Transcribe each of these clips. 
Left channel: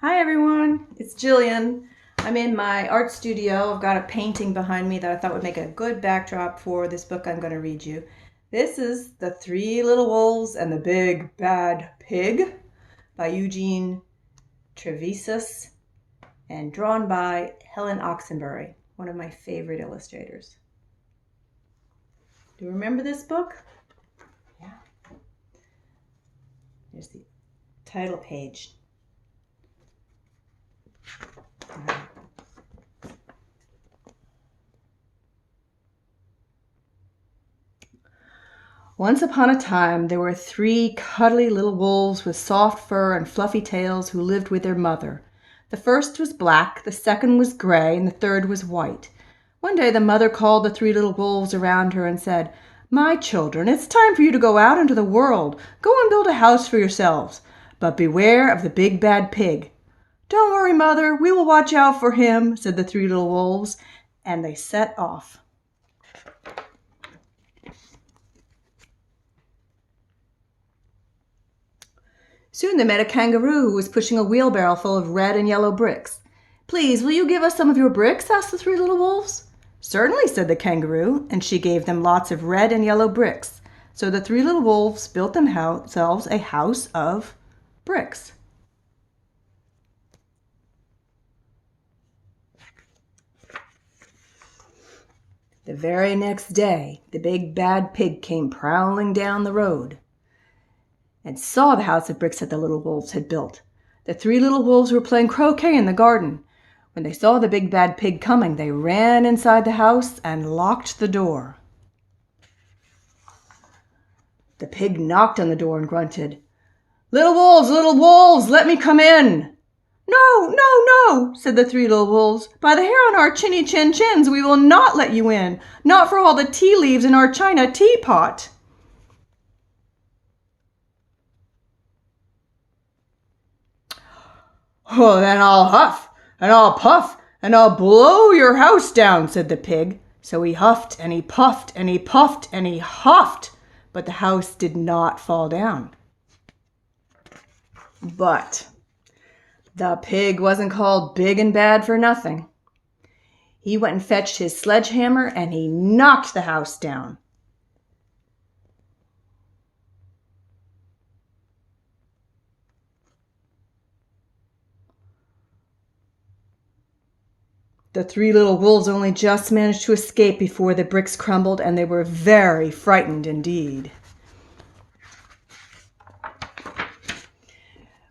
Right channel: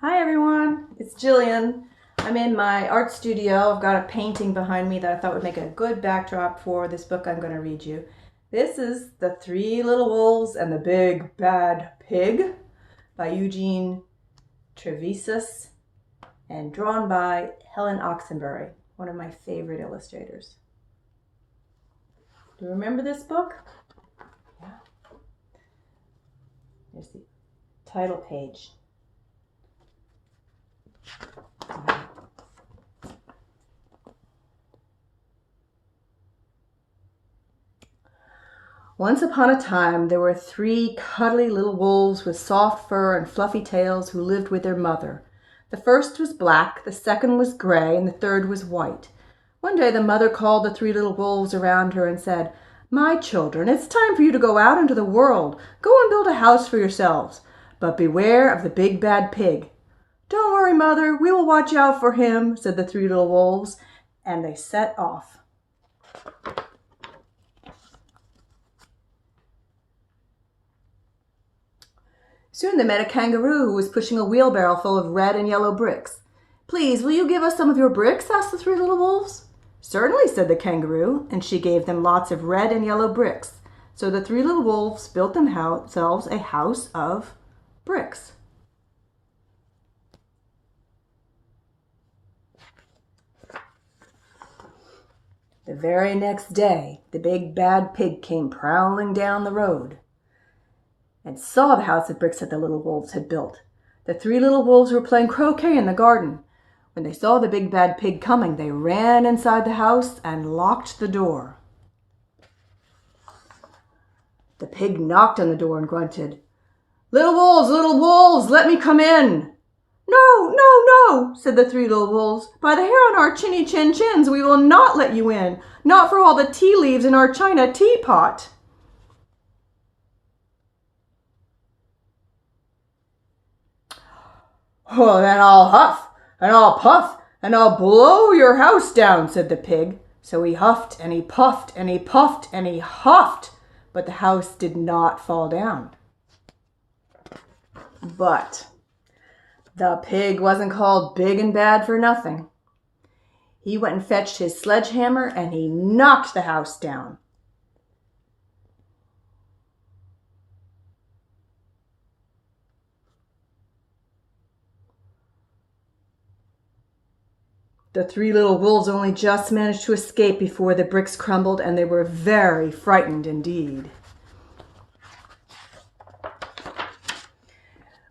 Hi everyone, it's Gillian. I'm in my art studio. I've got a painting behind me that I thought would make a good backdrop for this book I'm going to read you. This is The Three Little Wolves and the Big Bad Pig by Eugene Trivizas and drawn by Helen Oxenbury, one of my favorite illustrators. Do you remember this book? Yeah. Here's the title page. Once upon a time, there were three cuddly little wolves with soft fur and fluffy tails who lived with their mother. The first was black, the second was gray, and the third was white. One day the mother called the three little wolves around her and said, "My children, it's time for you to go out into the world. Go and build a house for yourselves. But beware of the big bad pig." "Don't worry, mother, we will watch out for him," said the three little wolves, and they set off. Soon they met a kangaroo who was pushing a wheelbarrow full of red and yellow bricks. "Please, will you give us some of your bricks?" asked the three little wolves. "Certainly," said the kangaroo, and she gave them lots of red and yellow bricks. So the three little wolves built themselves a house of bricks. The very next day, the big bad pig came prowling down the road and saw the house of bricks that the little wolves had built. The three little wolves were playing croquet in the garden. When they saw the big bad pig coming, they ran inside the house and locked the door. The pig knocked on the door and grunted, little wolves, let me come in." "No, no, no," said the three little wolves. "By the hair on our chinny chin chins, we will not let you in. Not for all the tea leaves in our china teapot." "Oh, then I'll huff, and I'll puff, and I'll blow your house down," said the pig. So he huffed, and he puffed, and he puffed, and he huffed, but the house did not fall down. But the pig wasn't called big and bad for nothing. He went and fetched his sledgehammer, and he knocked the house down. The three little wolves only just managed to escape before the bricks crumbled, and they were very frightened indeed.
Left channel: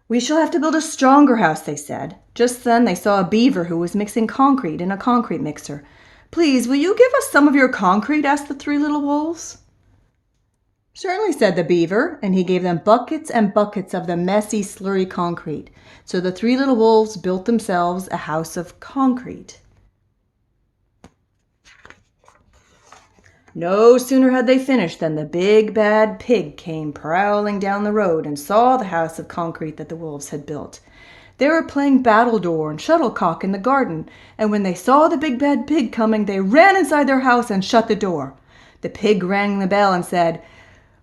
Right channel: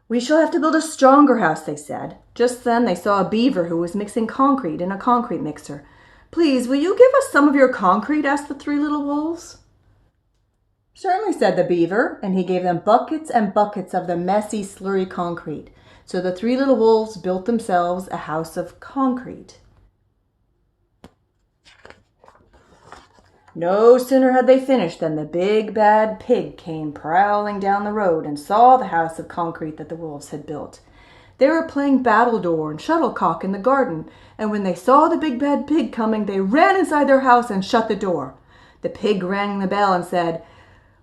"We shall have to build a stronger house," they said. Just then they saw a beaver who was mixing concrete in a concrete mixer. "Please, will you give us some of your concrete?" asked the three little wolves. "Certainly," said the beaver, and he gave them buckets and buckets of the messy, slurry concrete. So the three little wolves built themselves a house of concrete. No sooner had they finished than the big bad pig came prowling down the road and saw the house of concrete that the wolves had built. They were playing battledore and shuttlecock in the garden, and when they saw the big bad pig coming, they ran inside their house and shut the door. The pig rang the bell and said,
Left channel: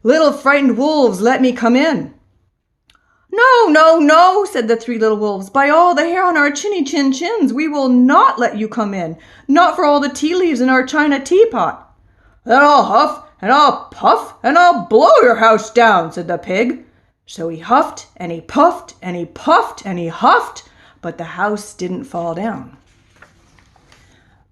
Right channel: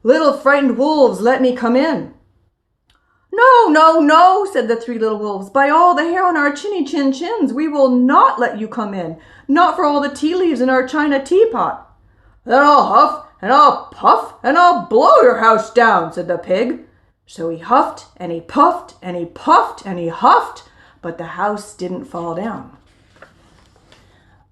"Little frightened wolves, let me come in." "No, no, no," said the three little wolves. "By all the hair on our chinny chin chins, we will not let you come in. Not for all the tea leaves in our china teapot." "Then I'll huff, and I'll puff, and I'll blow your house down," said the pig. So he huffed, and he puffed, and he puffed, and he huffed, but the house didn't fall down.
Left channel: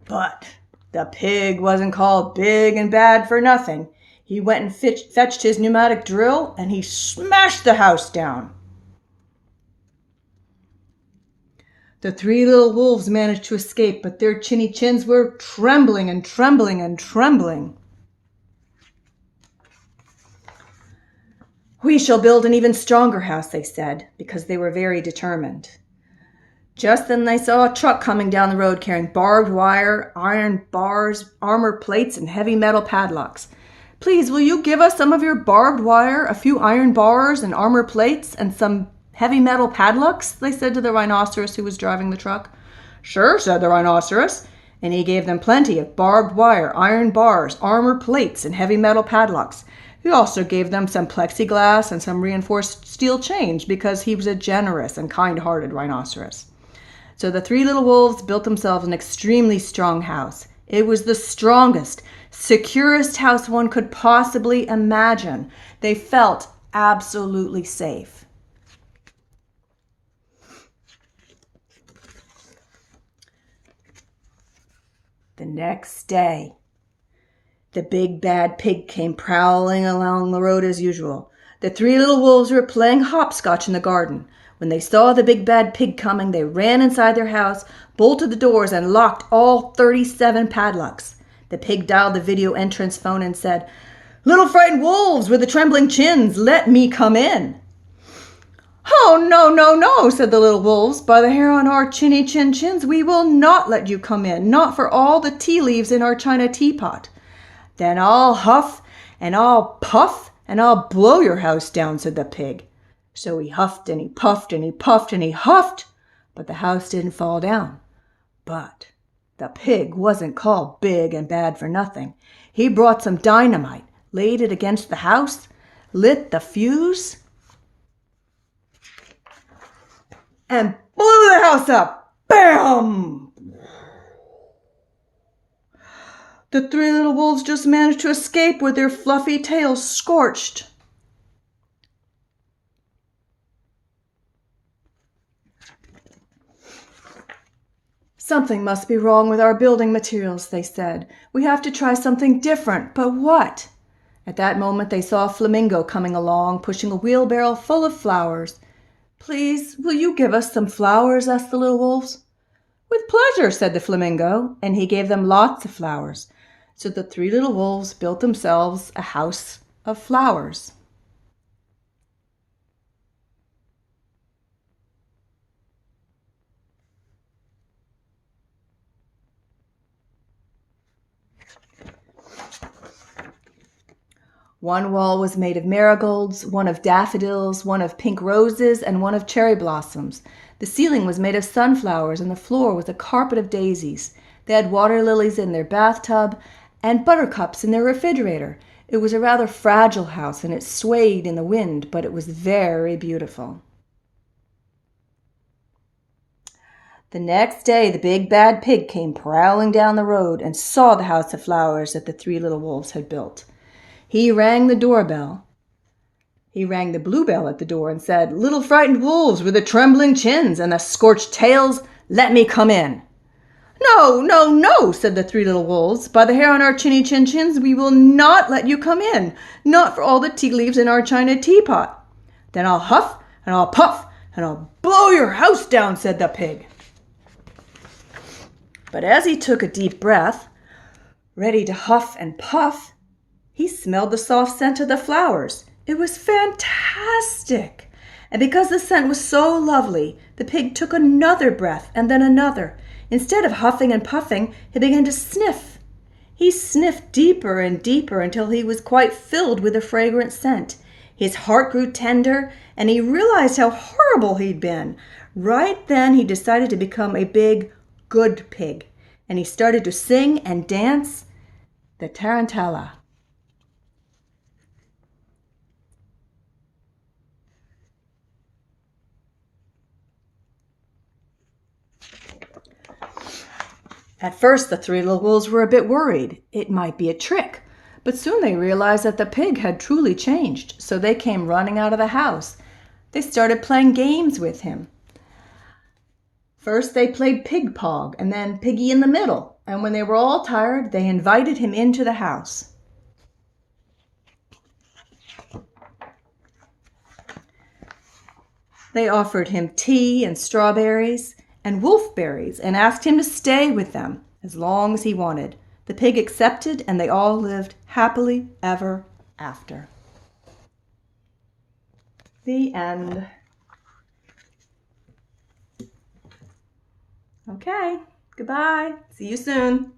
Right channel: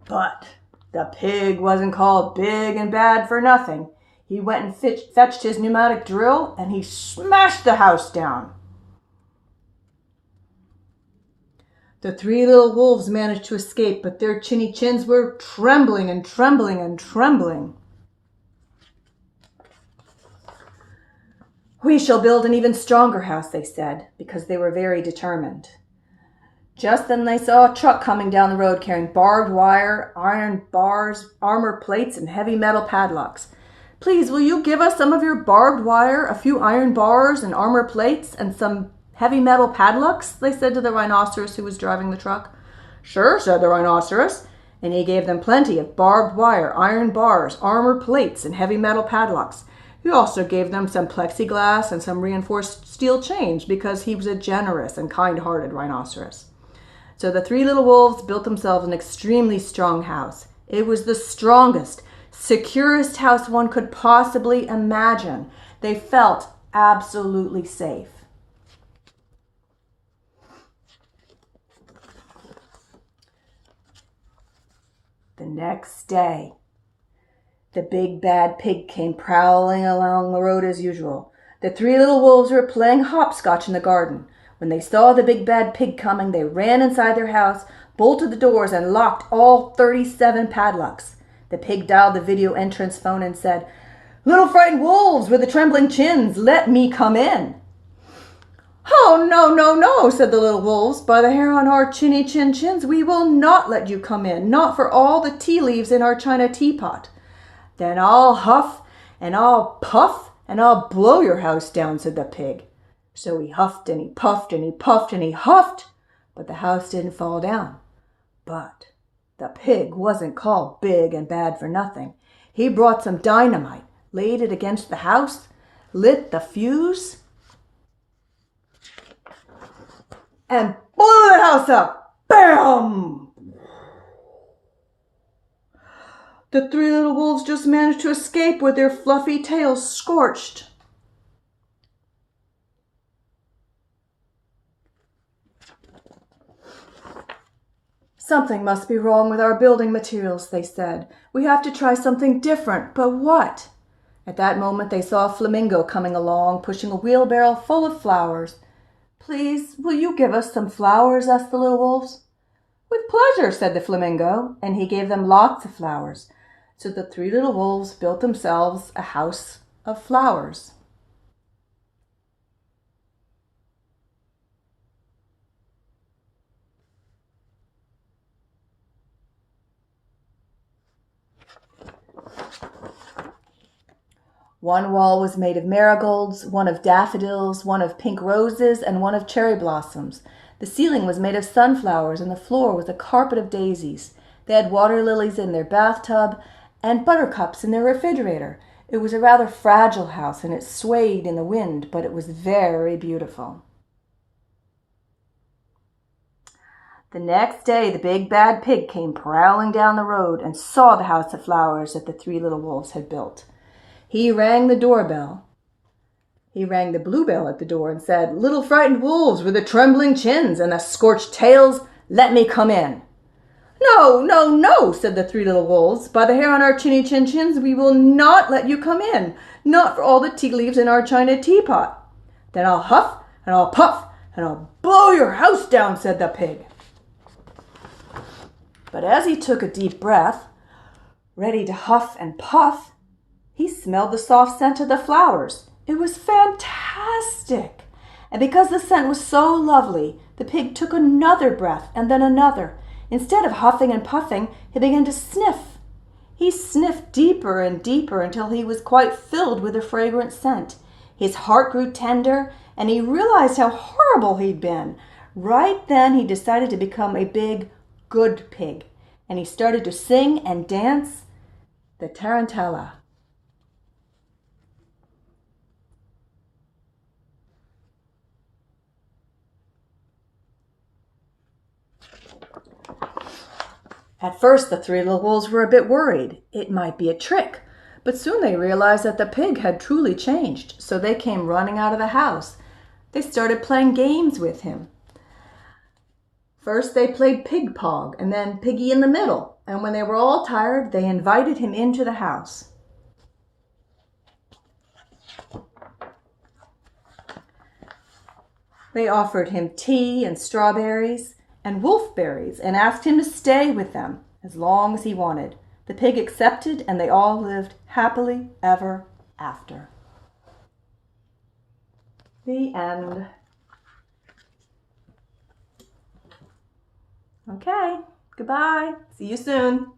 But the pig wasn't called big and bad for nothing. He went and fetched his pneumatic drill, and he smashed the house down. The three little wolves managed to escape, but their chinny chins were trembling and trembling and trembling. "We shall build an even stronger house," they said, because they were very determined. Just then they saw a truck coming down the road carrying barbed wire, iron bars, armor plates, and heavy metal padlocks. "Please, will you give us some of your barbed wire, a few iron bars and armor plates, and some heavy metal padlocks?" they said to the rhinoceros who was driving the truck. "Sure," said the rhinoceros, and he gave them plenty of barbed wire, iron bars, armor plates, and heavy metal padlocks. He also gave them some plexiglass and some reinforced steel chains because he was a generous and kind-hearted rhinoceros. So the three little wolves built themselves an extremely strong house. It was the strongest, securest house one could possibly imagine. They felt absolutely safe. The next day, the big bad pig came prowling along the road as usual. The three little wolves were playing hopscotch in the garden. When they saw the big bad pig coming, they ran inside their house, bolted the doors, and locked all 37 padlocks. The pig dialed the video entrance phone and said, "Little frightened wolves with the trembling chins, let me come in." "Oh, no, no, no," said the little wolves. "By the hair on our chinny chin chins, we will not let you come in, not for all the tea leaves in our china teapot." "Then I'll huff and I'll puff and I'll blow your house down," said the pig. So he huffed and he puffed and he puffed and he huffed, but the house didn't fall down. But the pig wasn't called big and bad for nothing. He brought some dynamite, laid it against the house, lit the fuse, and blew the house up. Bam! The three little wolves just managed to escape with their fluffy tails scorched. "Something must be wrong with our building materials," they said. "We have to try something different, but what?" At that moment they saw a flamingo coming along, pushing a wheelbarrow full of flowers. "Please, will you give us some flowers?" asked the little wolves. "With pleasure," said the flamingo, and he gave them lots of flowers. So the three little wolves built themselves a house of flowers. One wall was made of marigolds, one of daffodils, one of pink roses, and one of cherry blossoms. The ceiling was made of sunflowers, and the floor was a carpet of daisies. They had water lilies in their bathtub and buttercups in their refrigerator. It was a rather fragile house, and it swayed in the wind, but it was very beautiful. The next day the big bad pig came prowling down the road and saw the house of flowers that the three little wolves had built. He rang the doorbell. He rang the bluebell at the door and said, "Little frightened wolves with the trembling chins and the scorched tails, let me come in." "No, no, no," said the three little wolves. "By the hair on our chinny chin chins, we will not let you come in, not for all the tea leaves in our china teapot." "Then I'll huff and I'll puff and I'll blow your house down," said the pig. But as he took a deep breath, ready to huff and puff, he smelled the soft scent of the flowers. It was fantastic. And because the scent was so lovely, the pig took another breath and then another. Instead of huffing and puffing, he began to sniff. He sniffed deeper and deeper until he was quite filled with the fragrant scent. His heart grew tender, and he realized how horrible he'd been. Right then he decided to become a big, good pig, and he started to sing and dance the tarantella. At first, the three little wolves were a bit worried. It might be a trick. But soon they realized that the pig had truly changed, so they came running out of the house. They started playing games with him. First, they played pig pog, and then piggy in the middle. And when they were all tired, they invited him into the house. They offered him tea and strawberries and wolfberries and asked him to stay with them as long as he wanted. The pig accepted, and they all lived happily ever after. The end. Okay, goodbye. See you soon.